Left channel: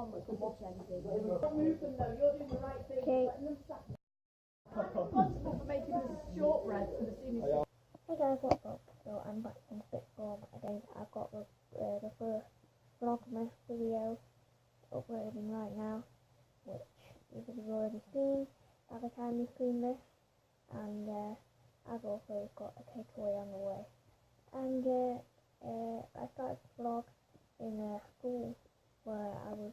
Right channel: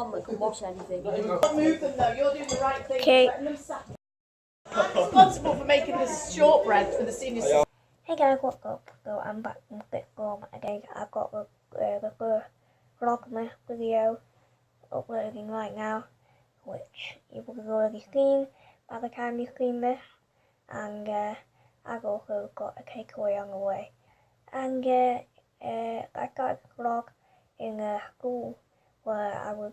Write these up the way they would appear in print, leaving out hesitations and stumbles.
one that can wash anything. Don't move them though, you're doing the right thing. Okay. I'm responsible for making this shortbread for the seniors. Hey guys, what's up? So I'm back from Vlogmas again. I've got the first Vlogmas video uploading right now, which you've already seen by the time you've seen this. And I've also got a takeaway on the way. And I started the vlog in school where I was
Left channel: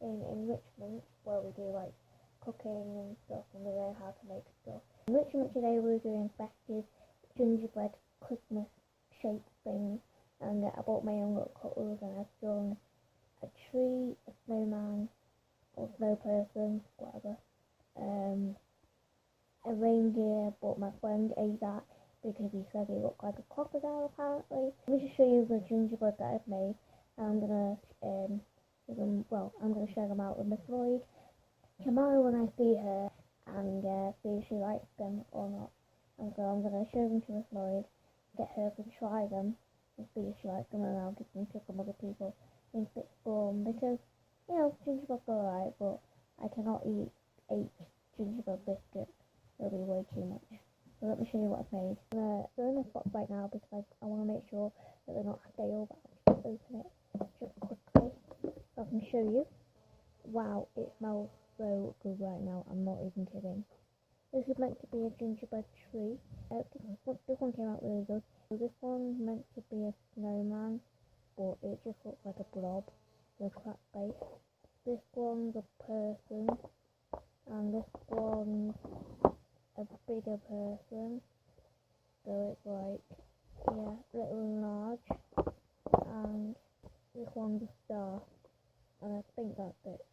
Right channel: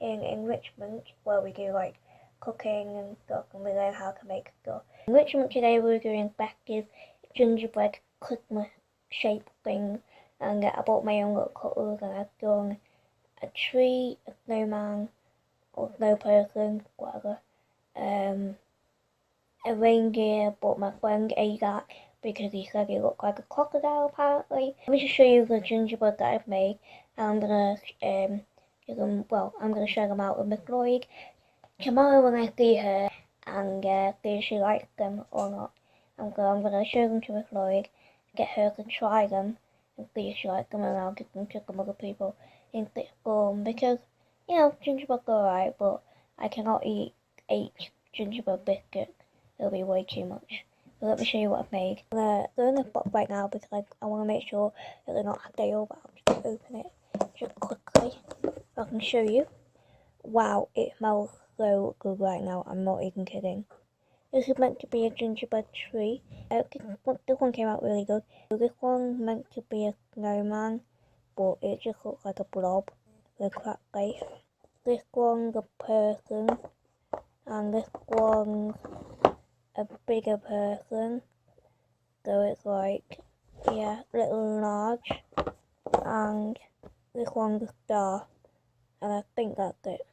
in enrichment, where we do like cooking and stuff, and we learn how to make stuff. Enrichment today we're doing festive gingerbread Christmas shape things, and I bought my own little cutters, and I've done a tree, a snowman, or snow person, whatever. A reindeer, but my friend ate that because he said he looked like a crocodile apparently. Let me just show you the gingerbread that I've made. I'm gonna give them, well, I'm gonna share them out with Miss Lloyd tomorrow when I see her, and see if she likes them or not. I'm gonna show them to Miss Lloyd, get her to try them and see if she likes them, and I'll give them to some other people in sixth form, because, you know, gingerbread's alright, but I cannot eat 8 gingerbread biscuits. It'll be way too much. So let me show you what I've made. They're in the box right now because I want to make sure that they're not stale, but I'll just open it just quickly so I can show you. Wow, it smells so good right now. I'm not even kidding. This is meant to be a gingerbread tree. This one came out really good. So this one's meant to be a snowman, but it just looks like a blob with a cracked face. This one's a person, and this one's a bigger person, so it's like, yeah, little and large, and this one's a star, and I think that's it.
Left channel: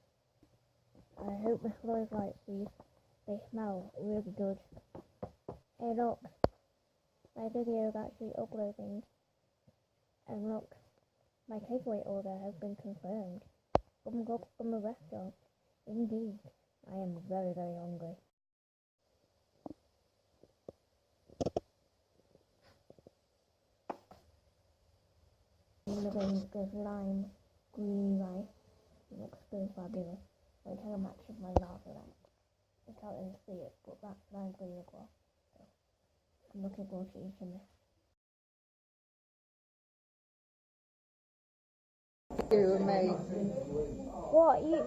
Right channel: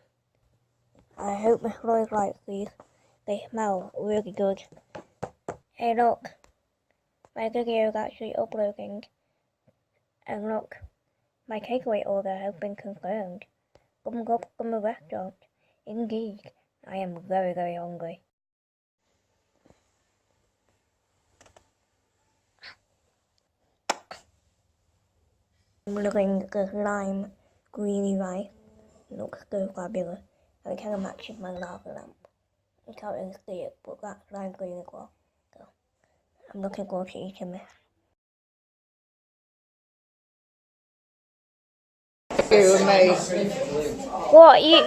I hope Miss Lloyd likes these. They smell really good. Hey look, my video is actually uploading, and look, my takeaway order has been confirmed. Come from the restaurant. Indeed, I am very, very hungry. I'm looking at the lime greeny rice. It looks so fabulous. And it kind of matches my lava lamp. You can't really see it, but that's lime green as well. So I'm looking forward to eating this. You and me. What you?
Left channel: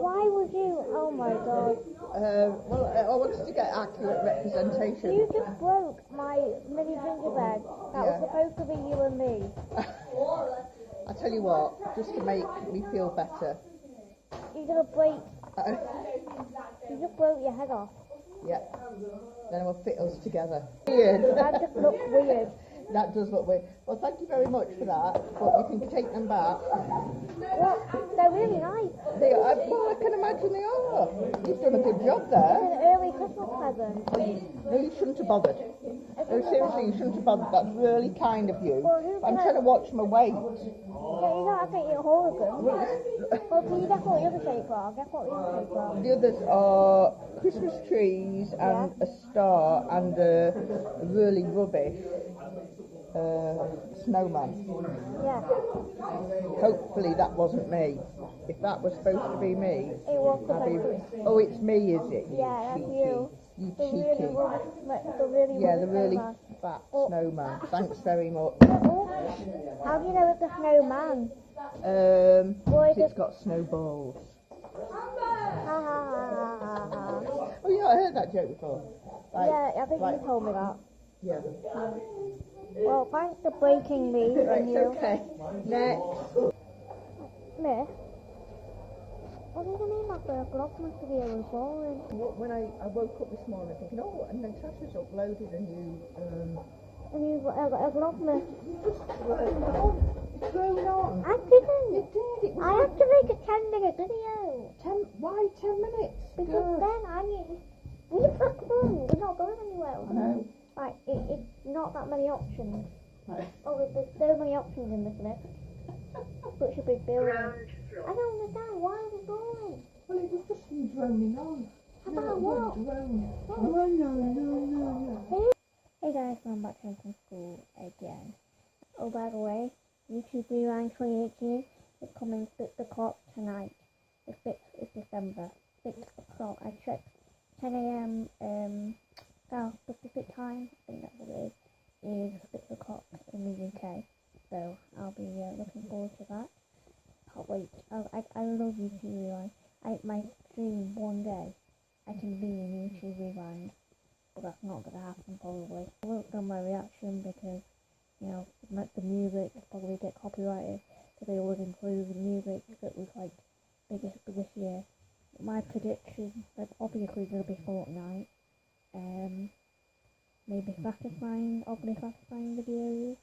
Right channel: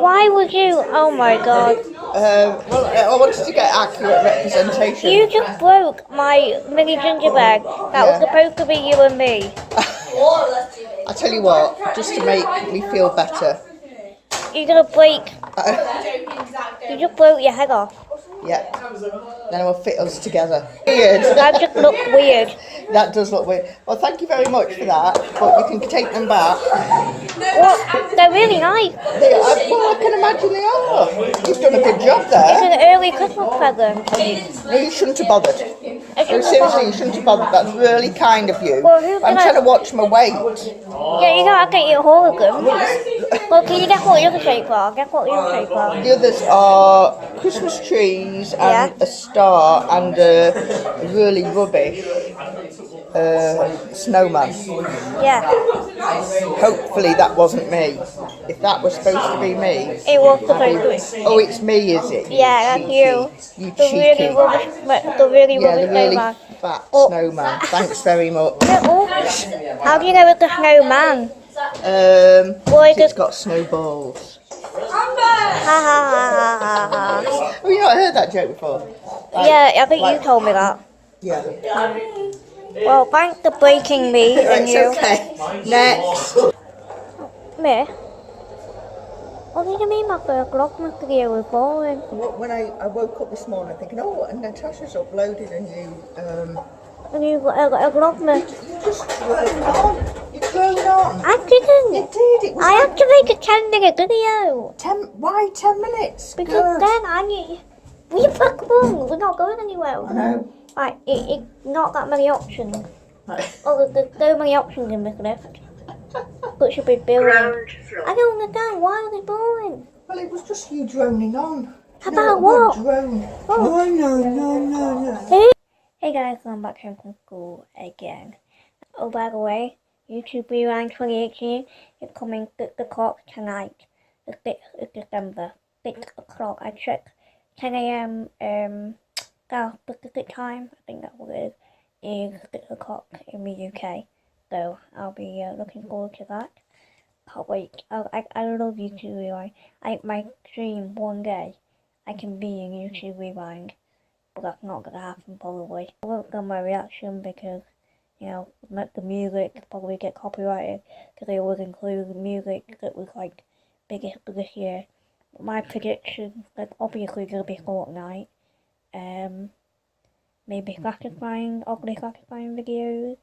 Why would you? Oh my god! Well, I wanted to get accurate representation. You just broke my mini gingerbread. That was supposed to be you and me. I tell you what, just to make me feel better. You're gonna break. You just broke your head off. Yeah. Then I will fit us together. Weird. That just looked weird. That does look weird. Well, thank you very much for that, but you can take them back. Well, they're really nice. They are, well, I can imagine they are. You've done a good job It's there. an early Christmas present. No, you shouldn't have bothered. No, seriously, you shouldn't have bothered. That's really kind of you. Well, I'm trying to watch my weight. Yeah, you gotta get your whole of them. Well, can you guess what the other shapes are? Guess what the other shapes are? The others are Christmas trees and a star and a really rubbish snowman. Yeah. Hopefully that wasn't me. If that was supposed to be me. It was supposed to be. Oh, it's me, is it? Yeah, that's you. You The cheeky. really rubbish, the really Yeah, rubbish the really snowman. fat Oh. snowman. Thanks very much. How do you know it's a snowman? It's got snowballs. Ha ha ha ha ha. Have you not heard that joke before? Like, Yeah, I think you told me that. Yeah. Well, thanks for breaking me and It's you. okay. Next. Me? What did you mean my first Vlogmas video was boring? When I woke up this morning thinking, oh, and Natasha's uploaded a new, And you got a Vlogmas. you just droned on. You droned on. I didn't. You did. It was I had to make a 10-minute video. 10, why 10 minutes? Because then I need... We fuck wrong. We're not going anywhere. I know. Like, it's not that many options. Right. Oh, there's so many options in this list. But should be boring. I don't understand. Why are they boring? Well, it was just you droning on. About what? Drone. Oh. Oh, no. Hey guys, I'm back home from school again. Oh, by the way, YouTube Rewind 2018 is coming 6 o'clock tonight. The 6th of December. 6 o'clock. I checked 10 a.m. South Pacific time. I think that's what it is 6 o'clock in the UK. So I'll be looking forward to that. Can't wait. I love YouTube Rewind. I might dream one day I can be in YouTube Rewind, but that's not gonna happen probably. I won't film my reaction because, you know, the music probably get copyrighted because they always include the music that was like biggest for this year. My prediction is obviously gonna be Fortnite. Maybe satisfying, ugly satisfying videos.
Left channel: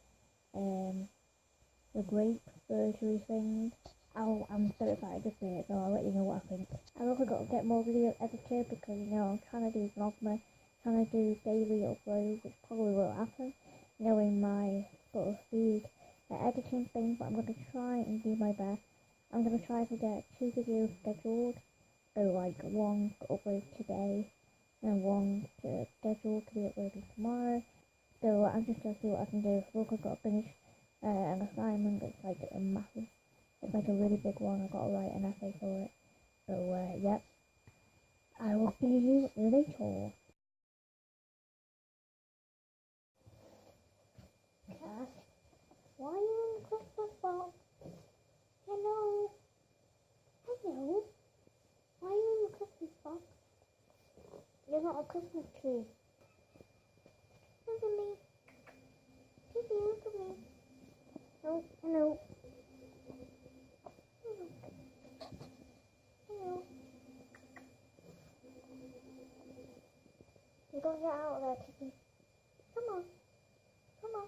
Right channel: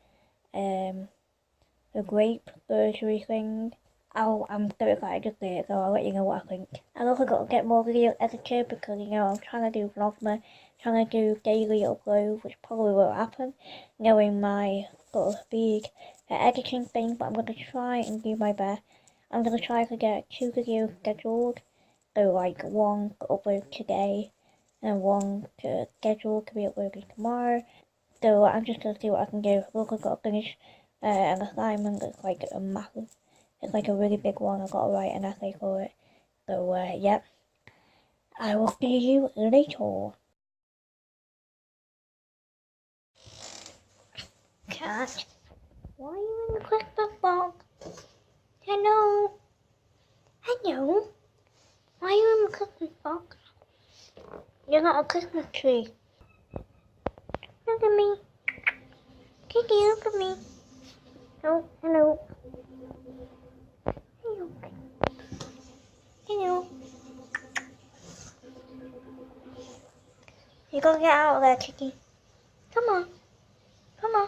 The grape surgery thing. Oh, I'm so excited to see it, so I'll let you know what I think. I've also got to get more videos edited because, you know, I'm trying to do Vlogmas, trying to do daily uploads, which probably won't happen, knowing my sort of speed editing thing, but I'm going to try and do my best. I'm going to try to get 2 videos scheduled, so like 1 to upload today, and 1 to schedule to be uploaded tomorrow. So I'm just going to see what I can do. I've also got to finish an assignment that's like a massive, it's like a really big one. I've got to write an essay for it. So yep, I will see you later. Cat, why are you in the Christmas box? Hello? Hello? Why are you in the Christmas box? You're not a Christmas tree. Look at me. Kitty, look at me. Oh, hello. Hello. Hello. You gotta get out of there, Kitty. Come on. Come on.